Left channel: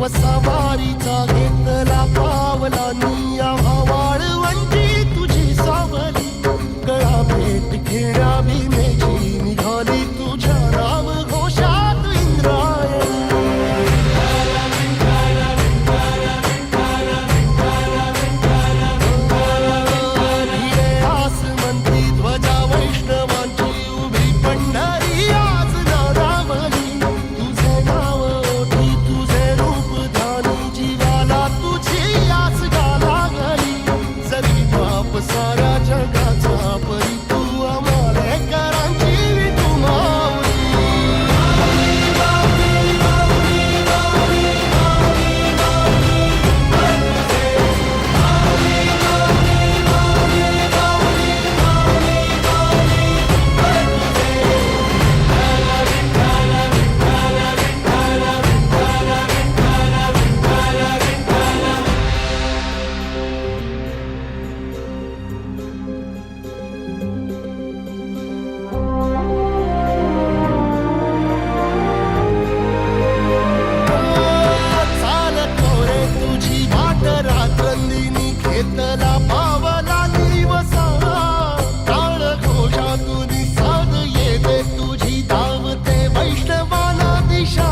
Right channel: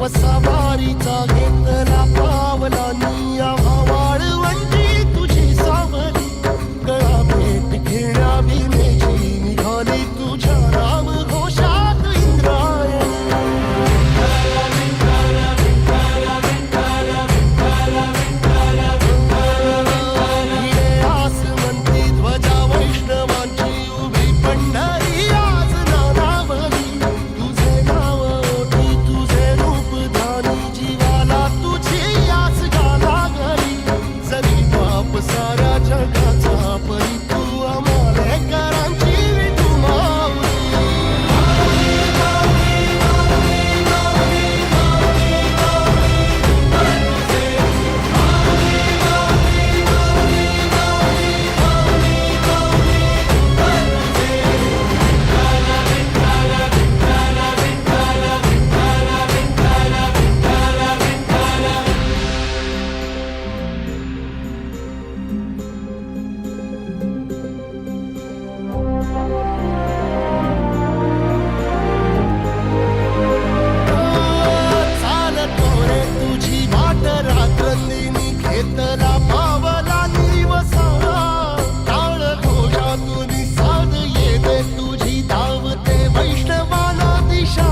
बाप सवारीचा घेतला पावला निया वाळवंटी तुझी सावली गळा भेट घेण्या भीमेची निघाली तुझ्या राम घोषात इंद्रायणी भिडे आसमंती ध्वजा वैष्णवांची उभी पंढरी आज नादावली तुझे नाव ओठी तुझे रूप ध्यानी जीवाला तुझी आस गा लागली जरी बाप साऱ्या जगाचा परी तू आमालेकरांची विठू माऊली रात्रंदिनी घेतला पावला दिवसा टाळ घोषातून साध येते तुझी धावते वैष्णवाला दिशा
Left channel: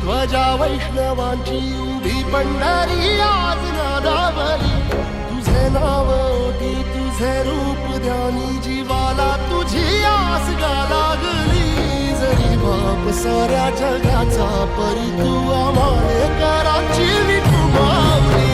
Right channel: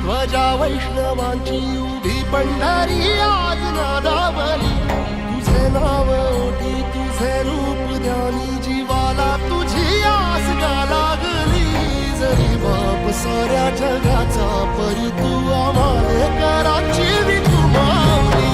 ध्वजा वैष्णवांची उभी पंढरी आज नादावली तुझे नाव ओठी तुझे रूप ध्यानी जीवाला तुझी आस गा लागली जरी बाप साऱ्या जगाचा परी तू आमालेकरांची विठू माऊली